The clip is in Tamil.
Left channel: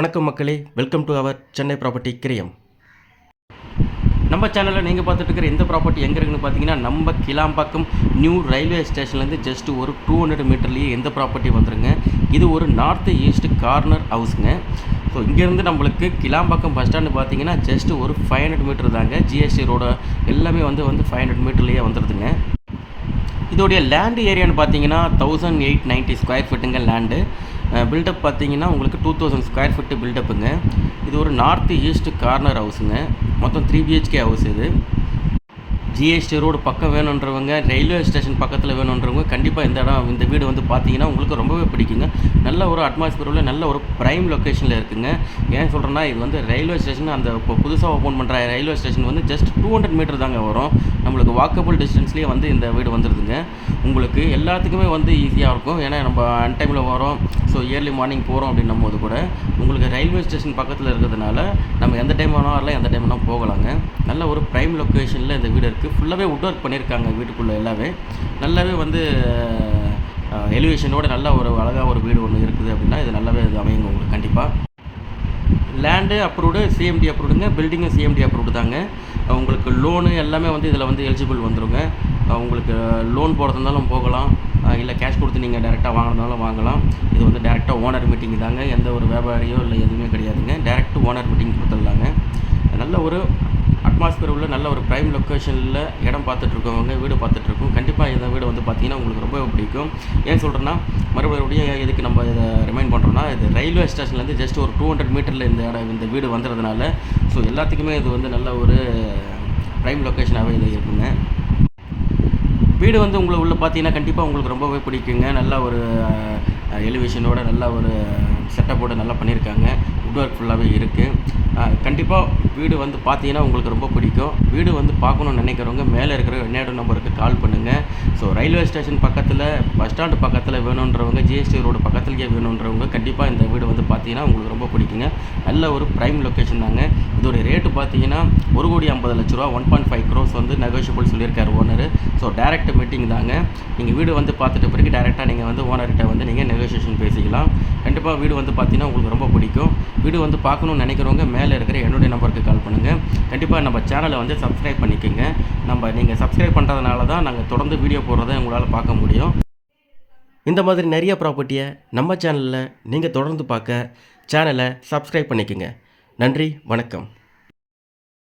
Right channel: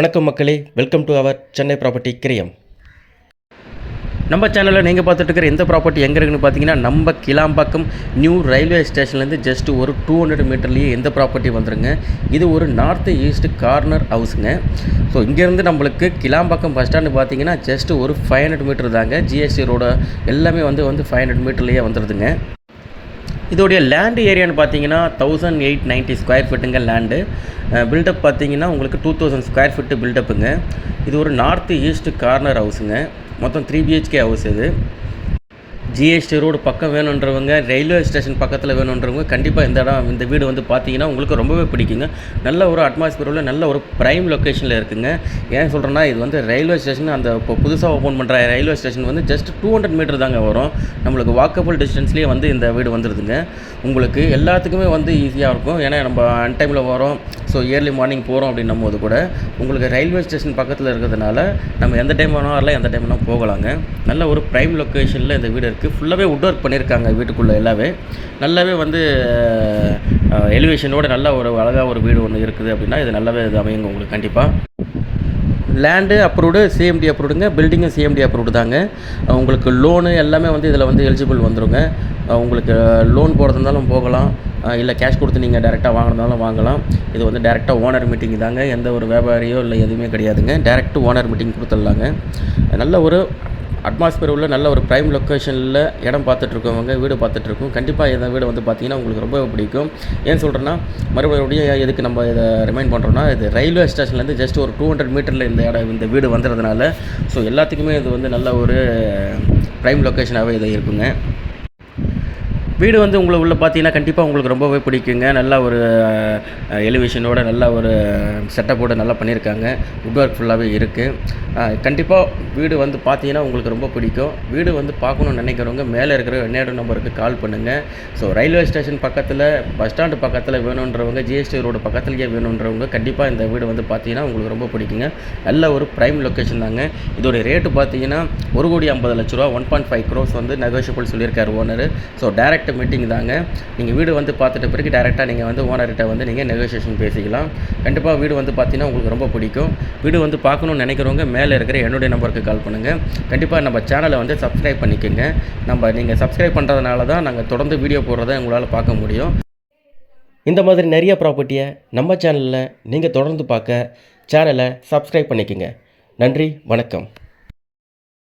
வணக்கம் மக்களே, welcome to our Chennai property கிரியம். நம்ம சேனலில் நீங்கள் பார்த்துட்டு இருக்கிற இந்த ப்ராப்பர்ட்டி எங்கே இருக்குன்னு பார்த்தீங்கன்னா, நம்ம கிளாம்பாக்கம் நியூ ரயில்வே ஸ்டேஷன்லேருந்து ஜஸ்ட் ஒரு 200 மீட்டர்லேயே எந்த ப்ராப்பர்ட்டி வந்துருங்க. இது ஒரு நார்த் ஈஸ்ட் கார்னர் ஹவுஸுங்க. ஸோ இங்கேருந்து நம்மளுக்கு கிளாம்பாக்கம் பஸ் ஸ்டாண்டு பார்த்தீங்கன்னா ஜஸ்ட் ஒரு 500 மீட்டர் தாங்க. ஜிஎஸ்டி ரோட எல்லாமே வந்து 500 மீட்டர்லேயே வந்துடுதுங்க. இதோடைய லேண்டு ஏரியான்னு பார்த்தீங்கன்னா 1890 ஸ்கொயர் ஃபீட்டுங்க லேண்டு. பில்டப் பார்த்தீங்கன்னா உங்களுக்கு 2000 ஸ்கொயர் ஃபீட்டு பில்டப்புங்க. இது ஒரு நார்த் ஈஸ்ட் கார்னர் ஹவுஸுங்க. மொத்தம் 3 BHK ஹவுஸ் இது. ஜிஎஸ்டி ரோடு பக்கம் வேணுன்றவங்க, ரயில்வே ஸ்டேஷன் பக்கத்தில் வேணுன்றவங்க கண்டிப்பாக இந்த வீடு வந்து பார்த்தீங்கன்னா உங்களுக்கு ரொம்பவே பிடிக்குங்க. நல்ல ஒரு அட்மாஸ்பியரில் நல்ல ஒரு ப்ரைம் லொக்கேஷனில் இருக்குங்க. ஏன் சொல்கிறேன்னா, இது வந்து ரயில்வே ஸ்டேஷன், அந்த இப்போ புதுசாக ஓப்பன் பண்ணுற ரயில்வே ஸ்டேஷன் வந்து ஜஸ்ட் 200 மீட்டர் தாங்க வரும். நம்மளுக்கு வாக்கபிள் டிஸ்டன்ஸ்லேயே வந்து இந்த வீடு வந்துடுதுங்க. உங்களுக்கு எல்லாத்துக்குமே வந்து ஈஸியாக இருக்கும். ஏன்னா நம்ம அன்டைமில் வரோம், ஸோ ஏர்லி மார்னிங் போகிறோம் அப்படின்னும் போது கூட உங்களுக்கு ரயில்வே ஸ்டேஷன் பக்கத்தில் இருக்கிறதுனால நம்ம எந்த டைம் வேணால் வரலாம், எந்த டைம் வேணால் போகலாங்க. நல்ல ஒரு ப்ரைம் லொக்கேஷனில் இந்த வீடு இருக்குது. ஃபுல்லாகவே வுட் ஒர்க் பண்ணியிருக்காங்க வீட்டுக்குள்ளே எல்லாமே. நல்லாவே வந்து எலிவேஷனோட நல்ல ஒரு அழகாக ஒரு வீடு ஒன்று இருக்குது அப்படின்னா இது நல்லாவே இது அமையுங்க உங்களுக்கு. கண்டிப்பாக லேண்டு அப்ரூவ்டு, சிஎம்டி அப்ரூவ்டுங்க. பில்டிங்கும் சிஎம்டி அப்ரூவ்டு தாங்க. உங்களுக்கு லோனு எல்லாமே வந்து இதில் வந்து எலிஜிபிள் வந்துடுங்க. உங்களுக்கு லோன் போடுறது இருந்தாலும் போகலாம், இல்லை கேஷ் கொடுத்து நீங்கள் டேரெக்டாக வாங்குறதுனாலும் வாங்கலாம். இது வந்து டேரெக்டாக ஓனர் மீட்டிங் தாங்க. எந்த ஒரு வியாபாரியோ இல்லை எதுவுமே கிடையாதுங்க. டேரெக்ட் ஓனர் மீட்டிங் கொடுத்துடலாங்க. நல்ல ஒரு அட்மாஸ்பியர் உள்ள நல்ல ஒரு ப்ரைம் லொக்கேஷனில் இடம் பார்த்துட்ருக்கவங்க, வீடு பார்த்துட்ருக்கோம். கண்டிப்பாக இந்த வீடு வந்து பார்த்திங்கன்னா உங்களுக்கு ரொம்ப பிடிக்கும். ஏன் சொல்கிறேன்னா, மறுபடியும் எதுக்கு நம்ம இதை ரிமைண்ட் பண்ணுறோன்னா, இது ரயில்வே ஸ்டேஷன்லேருந்து ஜஸ்ட் ஒரு 200 மீட்டரில் இந்த வீடு வந்துடுறதுனால ஸோ எல்லாத்துக்குமே இது வந்து நல்ல ஒரு ப்ரைம் லொக்கேஷனாகவே இது இருக்குங்க. வீடு வந்து உள்ள பார்த்தீங்கன்னா கண்டிப்பாக உங்களுக்கு ரொம்பவே பிடிக்குங்க. நல்ல ஒரு எலிவேஷனோட நல்ல ஒரு செட்டப்போடு நல்லா பண்ணியிருக்காங்க. வுட் ஒர்க் ஃபுல்லாகவே இருக்குது. கண்டிப்பாக வீடு வந்து பார்த்தீங்கன்னா உங்களுக்கு ரொம்ப பிடிக்கும். வீடு வந்து பார்க்கணுன்னு நினைக்கிறவங்க மேலே இருக்கிற என்னோட நம்பருக்கு கால் பண்ணுங்கள். ஸோ ரயில்வே ஸ்டேஷன் பக்கத்தில், பஸ் ஸ்டாண்டு பக்கத்தில் வேணுன்றவங்க, ஜிஎஸ்டி ரோடு பக்கத்துலேயே வேணுன்றவங்க கண்டிப்பாக இந்த வீடு வந்து பார்த்தீங்கன்னா உங்களுக்கு ரொம்ப பிடிக்குங்க. நல்ல ஒரு ப்ரைம் லொக்கேஷன் தாங்க. இதோடைய ரேட்டு பார்த்தீங்கன்னா 1,50,00,000 ரூபா, 1.5 crores வந்து நெகோஷியபிள் சொல்லியிருக்காரு ஓனர். ஸோ டேரெக்ட் மீட்டிங் தாங்க. நீங்கள் வீடு வந்து பார்த்துட்ட பிறகு டேரெக்டாக நீங்கள் வந்து ஓனர்கிட்ட வந்து நீங்கள் நெகோஷியேஷன் பேசிக்கலாம். கண்டிப்பாக வீடு வந்து பார்த்தீங்கன்னா உங்களுக்கு ரொம்ப பிடிக்கும். வீடு வந்து பார்க்கணுன்னு நினைக்கிறவங்க மேலே இருக்கிற என்னுடைய நம்பருக்கு கால் பண்ணுங்கள். கண்டிப்பாக நம்ம சேனலை வந்து சப்ஸ்கிரைப் பண்ணிக்கோங்க. நீங்கள் சப்ஸ்கிரைப் பண்ணுறதுனால தான் நாங்கள் தொடர்ந்து வீடியோ போடுறதை உங்களால் பார்க்க முடியும். இந்த மாதிரி நிறைய ப்ராப்பர்ட்டியை நம்ம சேனலில் நீங்கள் தொடர்ந்து பார்க்க சேனலை சப்ஸ்கிரைப் பண்ணிக்கோங்க. நன்றி, வணக்கம்.